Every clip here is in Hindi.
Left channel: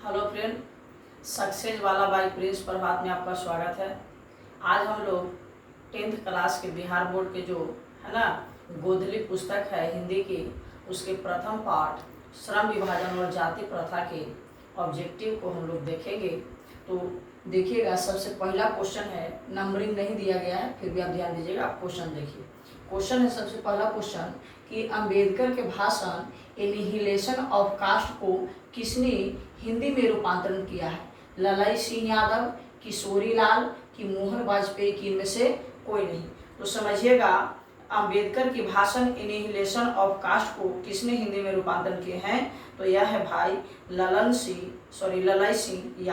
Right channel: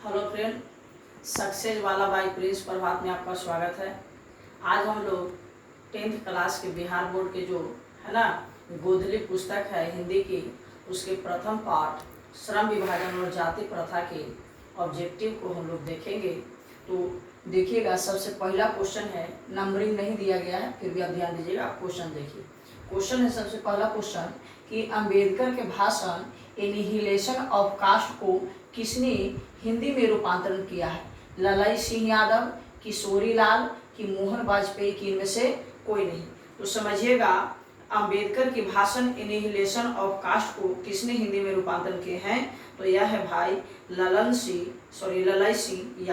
हेलो फ्रेंड, सक्सेस वाला बाई प्रिंस प्रभात में आपका स्वागत है। आज हम लोग 10th क्लास के बिहार बोर्ड के जो है ना गोधली पुस्तक है हिंदी की, उसके प्रथम पाठ श्रम विभाजन और जाति प्रथा के ऑब्जेक्टिव को हम लोग देखेंगे। तो देखिएगा, सबसे पहला क्वेश्चन है, नंबरिंग नहीं दिया गया है, फिर भी आप ध्यान दीजिएगा। क्वेश्चन देखिए, क्वेश्चन है सबसे पहला क्वेश्चन कि अंबेडकर के भाषण एनिहिलेशन ऑफ कास्ट को किसने हिंदी में रूपांतरण किया है? ललाई सिंह यादव, किशोरी लाल कि मोहन वाजपेयी की इनमें से कोई नहीं। तो समझिएगा, अंबेडकर की भाषण एनिहिलेशन ऑफ कास्ट को किसने हिंदी में रूपांतरण किए हैं? तो यह है भाई ललाई सिंह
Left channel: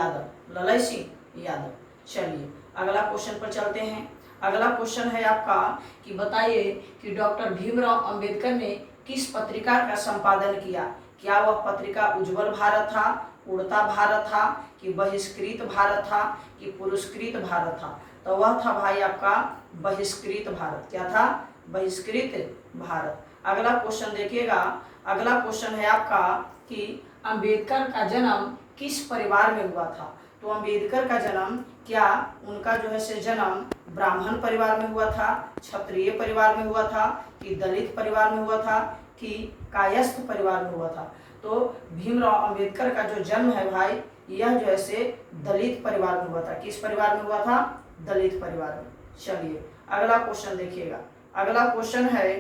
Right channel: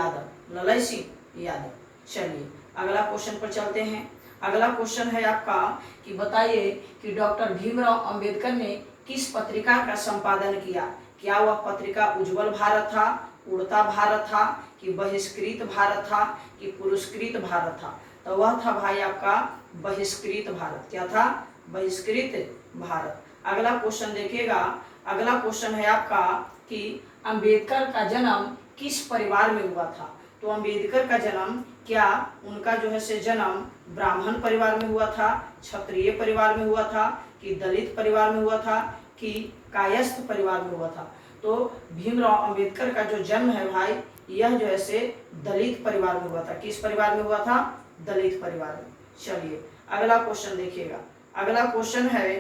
यादव। चलिए अगला क्वेश्चन पर चलते हैं। अगला क्वेश्चन है आपका कि बताइए कि डॉक्टर भीमराव अंबेडकर ने किस पत्रिका का संपादन किया? क्या वह पत्रिका उज्जवल भारत था, उड़ता भारत था कि बहिष्कृत भारत था कि पुरस्कृत भारत था? तो वह था भाई आपका बहिष्कृत भारत। क्या था? बहिष्कृत भारत। अगला क्वेश्चन देखिएगा, अगला क्वेश्चन है आपका कि अंबेडकर का जन्म किस परिवार में हुआ था? तो अंबेडकर का जन्म, क्या उनका जो है से जन्म ब्राह्मण परिवार में हुआ था, क्षत्रिय परिवार में हुआ था कि दलित परिवार में हुआ था कि कायस्थ परिवार में हुआ था? तो भीमराव अंबेडकर का जो जन्म है भाई, यह जो है से दलित परिवार में हुआ था। किस परिवार में हुआ था? दलित परिवार में। चलिए अगला क्वेश्चन देखिएगा। अगला क्वेश्चन है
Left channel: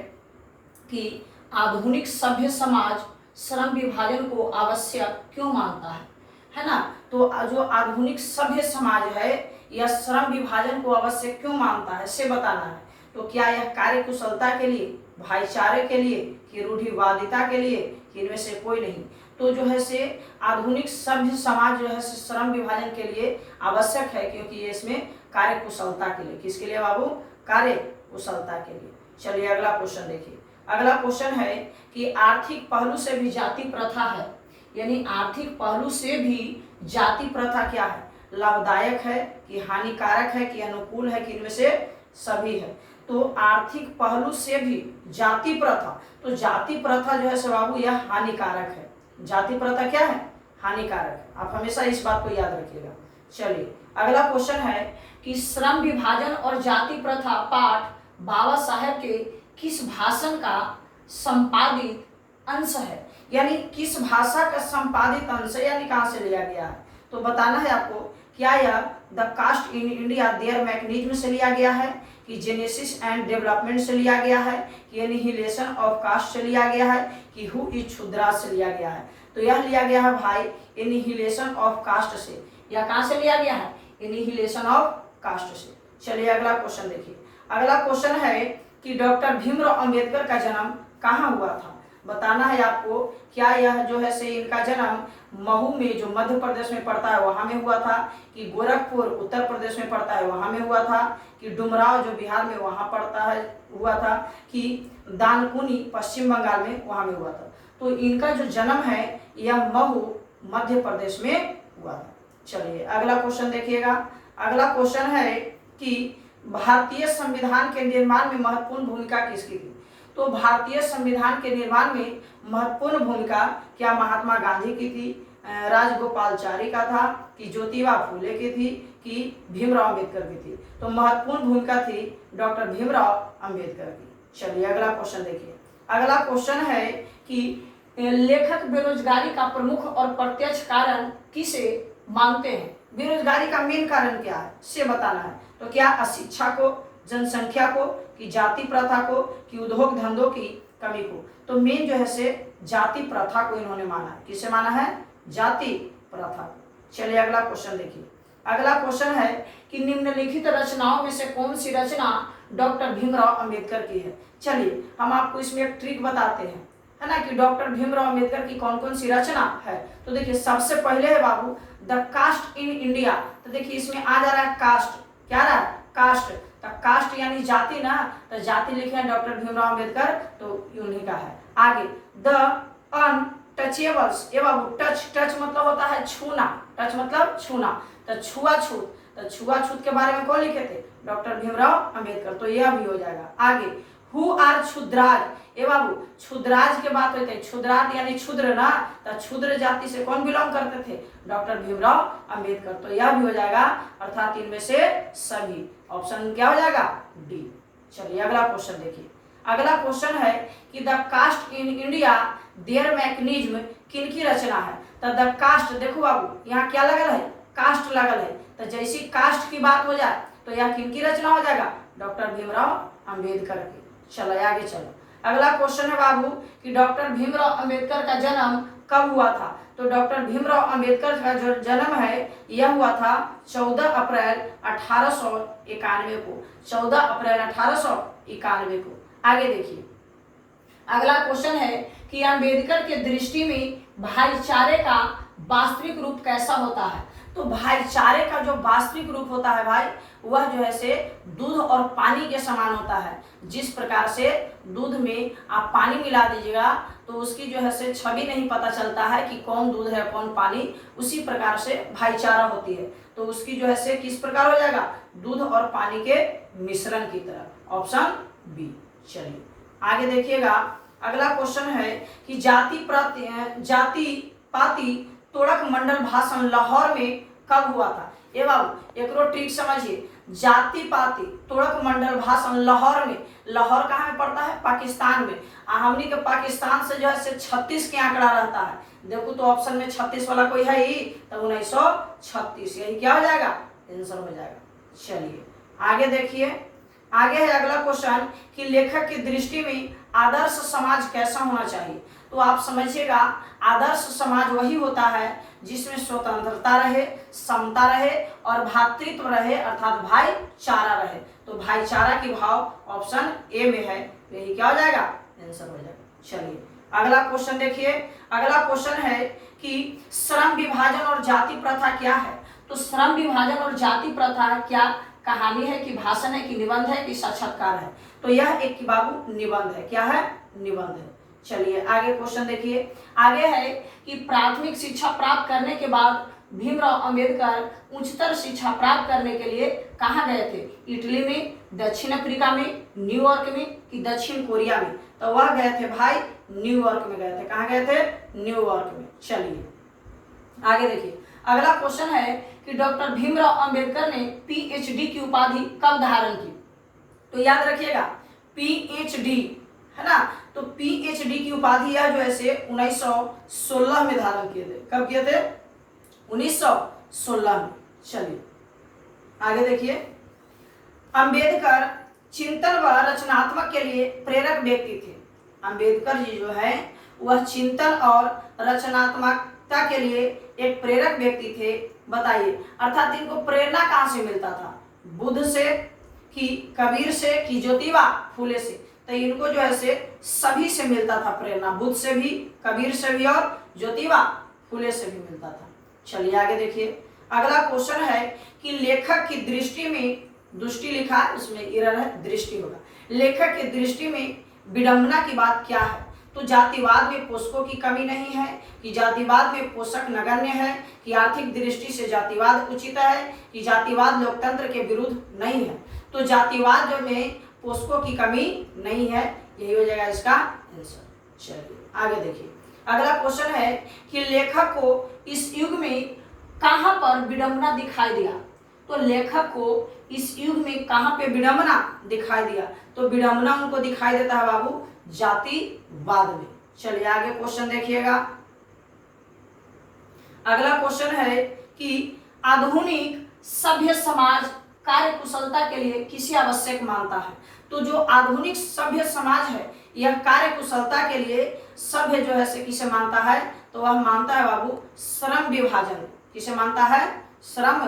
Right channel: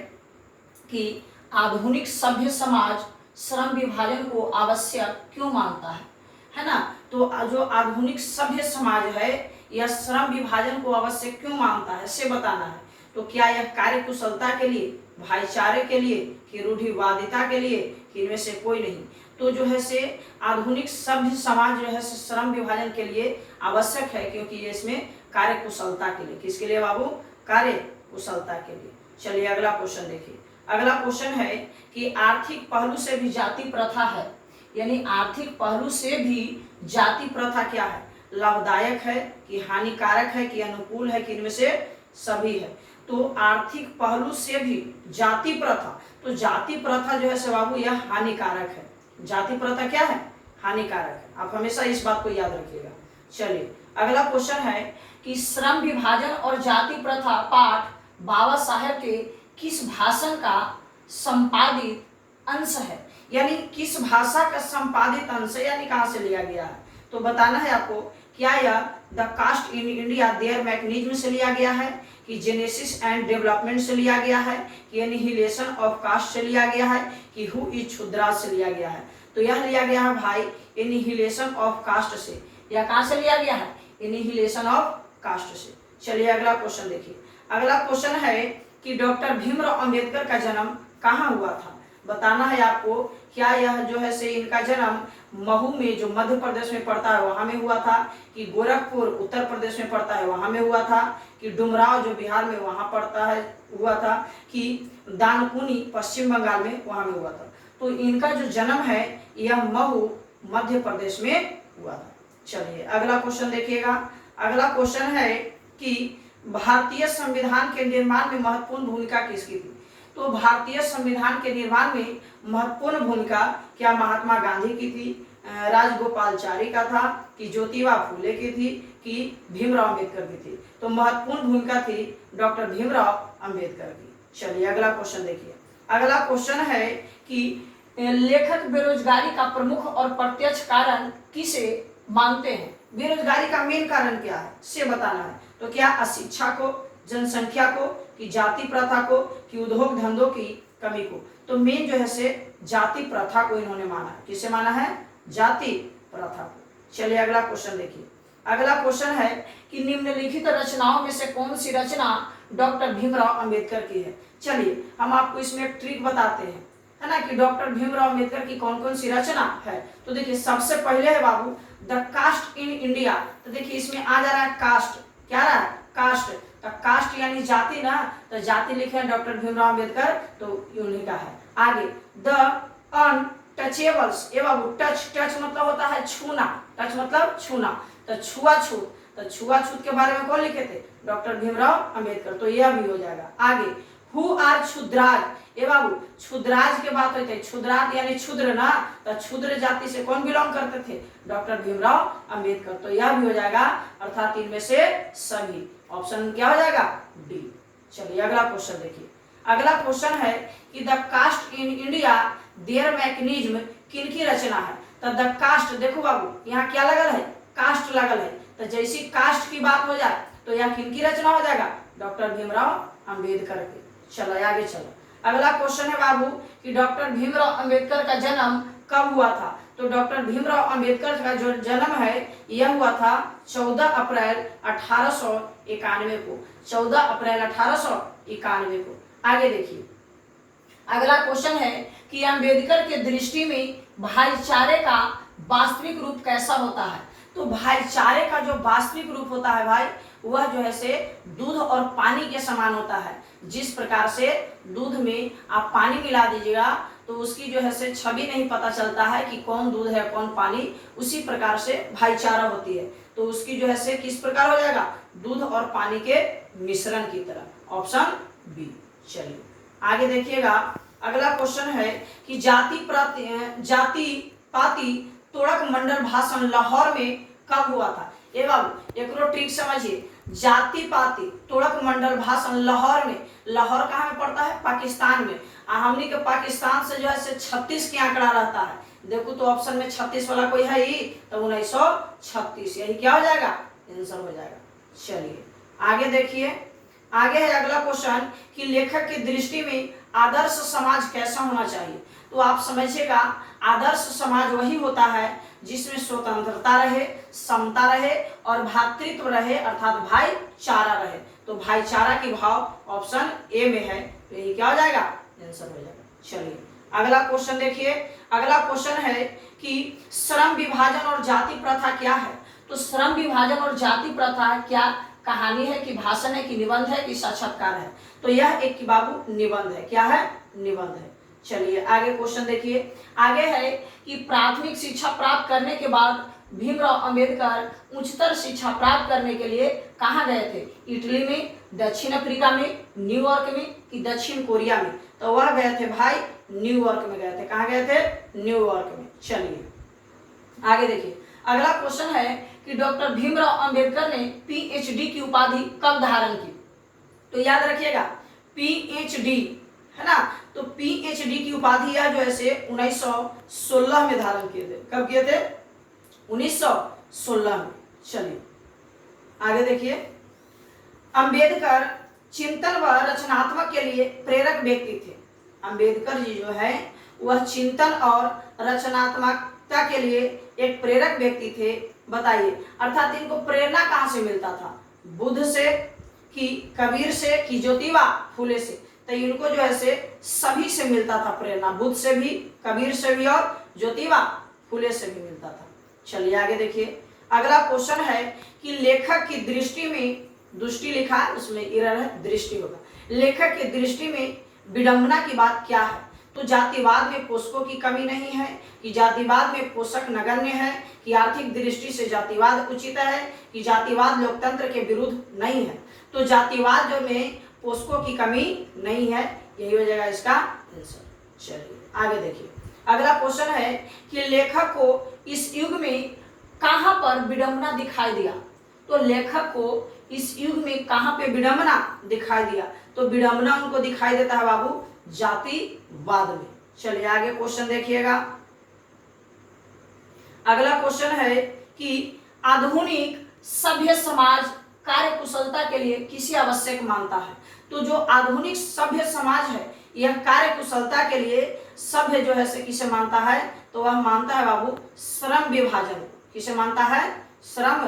कि आधुनिक सभ्य समाज श्रम विभाजन को आवश्यक क्यों मानता है ना? तो जो आधुनिक सभ्य समाज है, यह श्रम विभाजन को आवश्यक क्यों मानता है, से बताना है। तो क्या यह कार्य कुशलता के लिए, भाईचारे के लिए कि रूढ़िवादिता के लिए कि इनमें से कोई नहीं? तो जो है से आधुनिक सभ्य समाज जो है से श्रम विभाजन के लिए आवश्यक है, क्योंकि ये इसमें कार्य कुशलता के लिए। किसके लिए बाबू? कार्य कुशलता के लिए। चलिए अगला क्वेश्चन देखिए। अगला क्वेश्चन है कि आर्थिक पहलू से भी जाति प्रथा है, यानी आर्थिक पहलू से भी जाति प्रथा क्या है? लाभदायक है कि हानिकारक है कि अनुकूल है कि इनमें से सभी है? तो आर्थिक पहलू से भी जाति प्रथा, तो जाति प्रथा जो है बाबू यह हानिकारक है। जाति प्रथा क्या है? हानिकारक है। आप हमेशा इस बात को याद रखिएगा। चलिए अगला क्वेश्चन है कि श्रम विभाजन और जाति प्रथा पाठ बाबा साहेब के किस भाषण का संपादित अंश है? यानी किस भाषा का संपादित अंश है, यानी कहाँ से लिया गया है? तो बताना है आपको, क्या यह the caste in India their mechanism से लिया गया है कि जेनेसिस एंड डेवलपमेंट से लिया गया है कि एनिहिलेशन ऑफ कास्ट से लिया गया है कि हु इज क्षुद्राज से लिया गया है? तो यह लिया गया है भाई एनिहिलेशन ऑफ कास्ट से। यह कहाँ से लिया गया है? एनिहिलेशन ऑफ कास्ट से। चलिए अगला क्वेश्चन देखिए। अगला क्वेश्चन है कि डॉक्टर भीमराव अंबेडकर का जन्म कहाँ हुआ था? बताना है आपको, क्या यह जो है से इनका जन्म महू में जो मध्य प्रदेश में पड़ता है वहां में हुआ था कि गोरखपुर उत्तर प्रदेश में पड़ता है वहां में हुआ था कि डुमराव जो बिहार में वहां पड़ता है हुआ था कि दानकुनी पश्चिम बंगाल में वहां में हुआ था? तो इनका जो जन्म है यह महू मध्य प्रदेश में हुआ था। चलिए अगला क्वेश्चन देखिएगा। अगला क्वेश्चन है कि भारतीय संविधान के निर्माण में महत्वपूर्ण भूमिका किसकी थी? तो भारतीय संविधान के निर्माण में महत्वपूर्ण भूमिका क्या महात्मा गांधी की थी, राजगोपालचारी का था कि ज्योतिबा फूले की थी कि भीमराव अंबेडकर की थी? तो महत्वपूर्ण भूमिका थी डॉक्टर भीमराव अंबेडकर की। चलिए अगला क्वेश्चन देखिए। अगला क्वेश्चन है कि लेखक बेरोजगारी का प्रमुख और प्रत्यक्ष कारण किसे मानते हैं? बेरोजगारी का मेन कारण क्या है, से बताना है। तो क्या अशिक्षा को, जनसंख्या को कि जाति प्रथा को कि उद्योग धंधों की कमी को? तो मेन जो है से जाति प्रथा को इन्होंने माना है। किसे माना है? जाति प्रथा को। चलिए अगला क्वेश्चन देखिए। अगला क्वेश्चन है कि निम्नलिखित रचनाओं में से कौन सी रचना डॉक्टर भीमराव अंबेडकर की है? चलिए हम आपको इसमें एक ट्रिक बताते हैं, है ना, कि डॉक्टर भीमराव अंबेडकर की कौन कौन सी रचना है। तो देखिए सबसे पहले है बाबू द कास्ट इन इंडिया। तो देखिए इसमें आ जा रहा है कास्ट। क्या रहा है? कास्ट। तो कास्ट यानी जाति ना, तो जाति लिखे हैं डॉक्टर भीमराव अंबेडकर, तो उन्हीं का है। आगे द अनटचेबल्स। ये बाबू टच, टच मतलब होता है छूना, टच मतलब छूना, तो छुआछूत, तो छुआछूत के बारे में कौन लिखे थे? डॉक्टर भीमराव अंबेडकर, तो यह भी हो जाएगा। आगे हु आर क्षुद्राज, ए बाबू क्षुद्राज के बात होते, क्षुद्राज यानी क्षुद्र ना, तो क्षुद्र जाति से कौन बिलोंग करते थे? डॉक्टर भीमराव अंबेडकर। तो यह भी हो जाएगा, अर्थात इनमें से सभी। ऑप्शन क्या हो जाएगा? डी। चलिए अगला क्वेश्चन देखिए। अगला क्वेश्चन है कि the caste in India their mechanism किनकी रचना है? तो द कास्ट, देखो बाबू यहाँ क्या लगल है? कास्ट लगल है। तो जैसी कास्ट की बात हो जाए तो यह किनकी रचना हो जाएगा? डॉक्टर भीमराव अंबेडकर की। चलो आगे चलो। अगला क्वेश्चन है बाबू कि डॉक्टर भीमराव अंबेडकर का जन्म कब हुआ था? तो डॉक्टर भीमराव अंबेडकर का जो जन्म है यह हुआ था 14 अप्रैल 1891 को। 14 अप्रैल 1891 को। आगे देखिए अगला क्वेश्चन है कि अंबेडकर के दृष्टि में भाईचारे का वास्तविक रूप कैसा होता है? तो भाईचारे का जो वास्तविक रूप होता है भाई, वह जो है से दूध और पानी के समान होता है। जिस प्रकार से दूध में आप पानी मिला दीजिएगा तो उसकी जो है से छवि नहीं पता चलता है कि कौन दूध है कौन पानी, उसी प्रकार से भाईचारा होती है। तो उसकी जो है से किस प्रकार हो जाएगा? दूध और पानी के मिश्रण की तरह। Option B. चलिए आगे देखिएगा। अगला क्वेश्चन है कि जाति पाति तोड़क मंडल भाषण लाहौर में कब हुआ था? ये बाबू एक ट्रिक समझिए। जाति पाति तोड़क मंडल भाषण लाहौर में, लाहौर कहाँ में पड़ता है? पाकिस्तान में। हमनी के पाकिस्तान से जो है से 36 के आंकड़ा रहता है। देखो तो ऑप्शन में 36 वाला कोई है ही, तो 1936 यही क्या हो जाएगा? आंसर हो जाएगा। चलिए आगे देखिए। आगे है अगला क्वेश्चन कि लेखक की दृष्टि में आदर्श समाज कैसा होना चाहिए? तो आप समझिएगा, आदर्श समाज वही होता है जिसमें स्वतंत्रता रहे, समता रहे और भ्रातृत्व रहे, अर्थात भाईचारा रहे। तो भाईचारा की भाव ऑप्शन ए में है, यही क्या हो जाएगा? आंसर हो जाएगा। चलिए अगला क्वेश्चन देखिए। अगला क्वेश्चन है कि श्रम विभाजन और जाति प्रथा क्या है? तो श्रम विभाजन और जाति प्रथा क्या कहानी है कि भाषण है कि निबंध है कि साक्षात्कार है? तो यह एक बाबू निबंध है। क्या है? निबंध है। चलिए आगे क्वेश्चन देखिए। आगे है कि प्राथमिक शिक्षा प्राप्त करने के बाद भीमराव अंबेडकर उच्चतर शिक्षा प्राप्त करने के लिए कहाँ गए थे? इटली में, दक्षिण अफ्रीका में, न्यूयॉर्क में कि दक्षिण कोरिया में? तो वह गए थे भाई न्यूयॉर्क में गए थे। कहाँ गए थे? न्यूयॉर्क में। चलिए आगे देखिए। अगला क्वेश्चन है कि डॉक्टर भीमराव अंबेडकर ने पीएचडी की उपाधि कब धारण की? तो याद रखिएगा पीएचडी है ना, तो पीएचडी की उपाधि यह जो है से 1916 में धारण किए थे। कब किए थे? 1916 में। चलिए आगे देखिए। अंबेडकर चिंतन व रचनात्मक के लिए प्रेरक व्यक्ति थे। अंबेडकर जी जो है वह चिंतन और रचनात्मकता के लिए एक प्रेरक व्यक्ति थे। बताइए, अर्थात इनको प्रेरणा कहाँ से मिलता था? बुद्ध से कि कबीर से कि ज्योतिबा फूले से? तो इनको जो है से सभी से मिलता था प्रेरणा, बुद्ध से भी, कबीर से भी और ज्योतिबा फूले से भी मिलता था। चलिए आगे देखिए। अगला क्वेश्चन है कि लेखक की दृष्टि में, दृष्टि लिखा है उसमें एरर है, दृष्टि होगा। लेखक की दृष्टि में विडंबना की बात क्या है? तो जातिवाद में पोषकों की कमी नहीं है, कि जातिवाद में पोषक नगण्य है, कि आर्थिक दृष्टि से जातिवाद उचित है, कि जातिवाद लोकतंत्र के विरुद्ध नहीं है? तो जातिवाद जो में पोषकों की कमी नहीं है, यही हो जाएगा इसका आंसर। चलिए आगे देखिए। अगला क्वेश्चन है कि लेखक को इस युग में कहां पर विडंबना दिखाई दिया? तो लेखक को इस युग में कहां पे विडंबना दिखाई दिया? तो विडंबना उनको दिखाई देता है बाबू जातिवाद में। चलिए आगे क्वेश्चन देखिएगा। अगला क्वेश्चन है कि आधुनिक सभ्य समाज कार्य कुशलता के लिए किसे आवश्यक मानता है? तो जो आधुनिक सभ्य समाज है यह कार्य कुशलता के लिए सभ्य जो है से किसे मानता है? तो वह मानता है बाबू श्रम विभाजन को। किसे मानता है? श्रम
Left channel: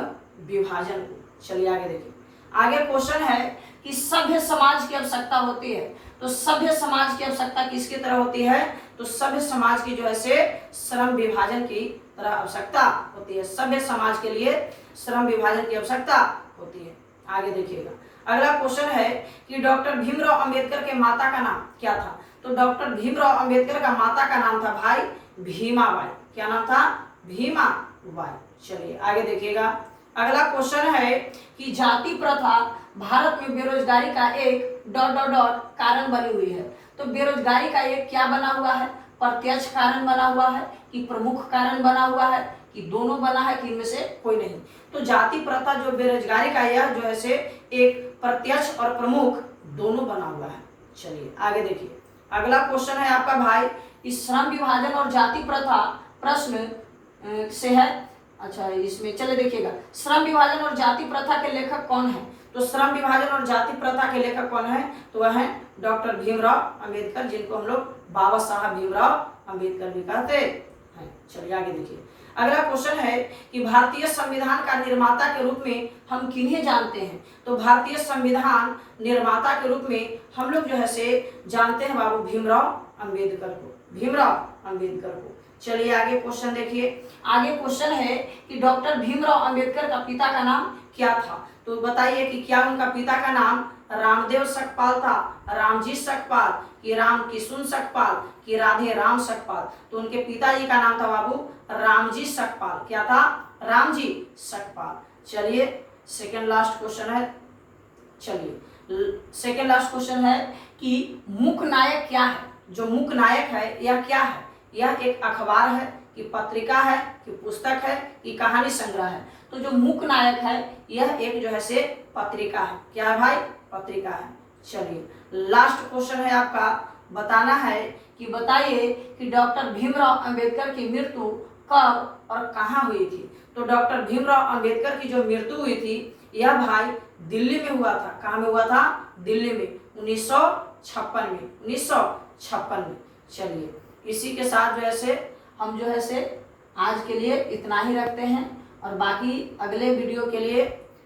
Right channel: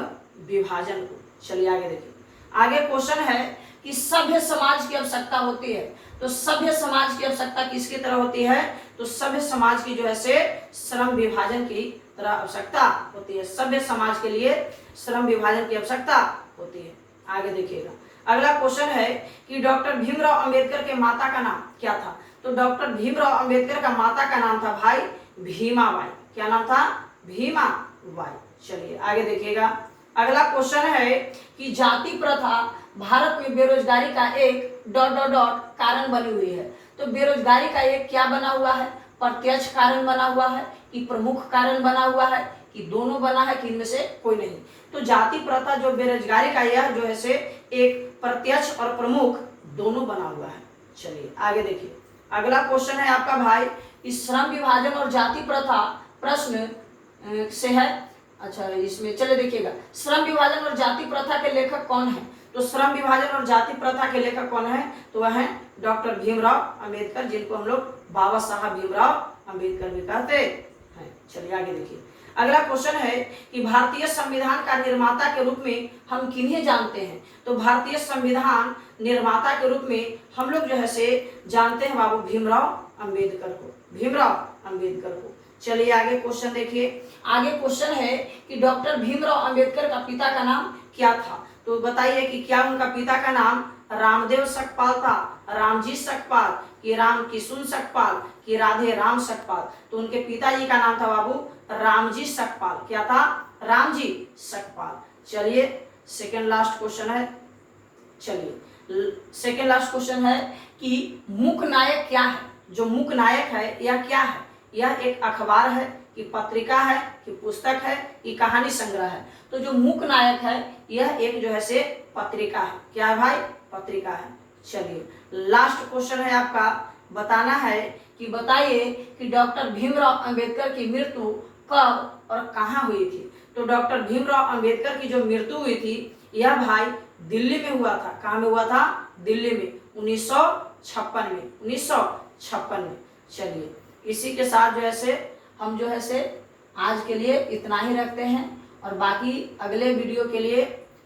विभाजन को। चलिए आगे देखिए। आगे क्वेश्चन है कि सभ्य समाज की आवश्यकता होती है। तो सभ्य समाज की आवश्यकता किसकी तरह होती है? तो सभ्य समाज की जो है से श्रम विभाजन की तरह आवश्यकता होती है। सभ्य समाज के लिए श्रम विभाजन की आवश्यकता होती है। आगे देखिएगा। अगला क्वेश्चन है कि डॉक्टर भीमराव अंबेडकर के माता का नाम क्या था? तो डॉक्टर भीमराव अंबेडकर का माता का नाम था भाई भीमाबाई। क्या नाम था? भीमाबाई। चलिए आगे देखिएगा। अगला क्वेश्चन है कि जाति प्रथा भारत में बेरोजगारी का एक ... कारण बनी हुई है। तो बेरोजगारी का ये क्या बना हुआ है, प्रत्यक्ष कारण बना हुआ है कि प्रमुख कारण बना हुआ है कि दोनों बना है कि इनमें से कोई नहीं। तो जाति प्रथा जो बेरोजगारी का यह जो है से एक प्रत्यक्ष और प्रमुख दोनों बना हुआ है। चलिए आगे देखिए, अगला क्वेश्चन है आपका भाई, इस श्रम विभाजन और जाति प्रथा प्रश्न से है। अच्छा इसमें चले देखिएगा, श्रम विभाजन और जाति प्रथा के लेखक कौन है? तो श्रम विभाजन और जाति प्रथा के लेखक कौन है? तो वह है डॉक्टर भीमराव अंबेडकर, जिनको हम लोग बाबा साहब भीमराव अंबेडकर भी कहते हैं। चलिए आगे देखिए, अगला क्वेश्चन है कि भारतीय संविधान का निर्माता के रूप में हम किन्हें जानते हैं? तो भारतीय संविधान निर्माता के रूप में हम लोग जो है से जानते हैं बाबू भीमराव अंबेडकर को, भीमराव अंबेडकर को। चलिए आगे क्वेश्चन देखिए, आगे क्वेश्चन है कि डॉक्टर भीमराव अंबेडकर का पिता का नाम क्या था? तो बताइए कि क्या उनका पिता का नाम रामदेव सकपाल था, रामजी सकपाल, कि राम किशुन सकपाल, कि राधे राम सकपाल? तो उनके पिताजी का नाम था बाबू रामजी सकपाल। क्या था? रामजी सकपाल। चलिए सेकेंड लास्ट क्वेश्चन है, चलिए सेकेंड लास्ट क्वेश्चन है कि मूक नायक क्या है? जो मूक नायक है यह क्या है? यह एक अखबार है कि पत्रिका है कि पुस्तक है कि कहानी संग्रह है? तो जो मूक नायक है यह एक जो है से पत्रिका है। क्या है भाई? पत्रिका है। चलिए लास्ट क्वेश्चन है आपका, बताना है कि बताइए कि डॉक्टर भीमराव अंबेडकर की मृत्यु कब और कहाँ हुई थी? तो डॉक्टर भीमराव अंबेडकर की जो मृत्यु हुई थी यह भाई दिल्ली में हुआ था। कहाँ में हुआ था? दिल्ली में 1956 में, 1956 में। चलिए इसी के साथ जो है से हम जो है से आज के लिए इतना ही रखते हैं, और बाकी अगले वीडियो के लिए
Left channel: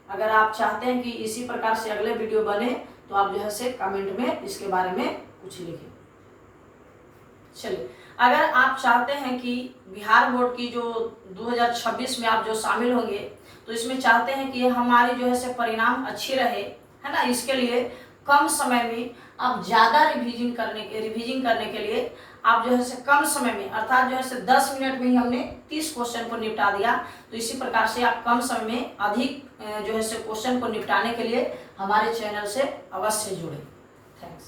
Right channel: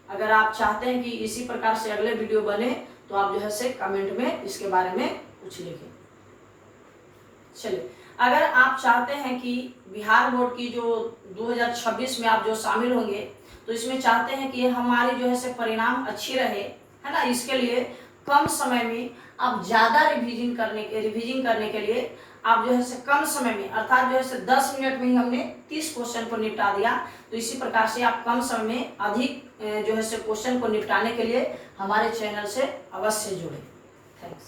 अगर आप चाहते हैं कि इसी प्रकार से अगले वीडियो बने तो आप जो है से कमेंट में इसके बारे में कुछ लिखें। चलिए अगर आप चाहते हैं कि बिहार बोर्ड की जो 2026 में आप जो शामिल होंगे तो इसमें चाहते हैं कि हमारी जो है से परिणाम अच्छी रहे, है ना, इसके लिए कम समय में आप ज़्यादा रिवीजन करने के लिए आप जो है से कम समय में, अर्थात जो है से 10 मिनट में ही हमने 30 क्वेश्चन को निपटा दिया। तो इसी प्रकार से आप कम समय में अधिक जो है से क्वेश्चन को निपटाने के लिए हमारे चैनल से अवश्य जुड़ें। थैंक्स।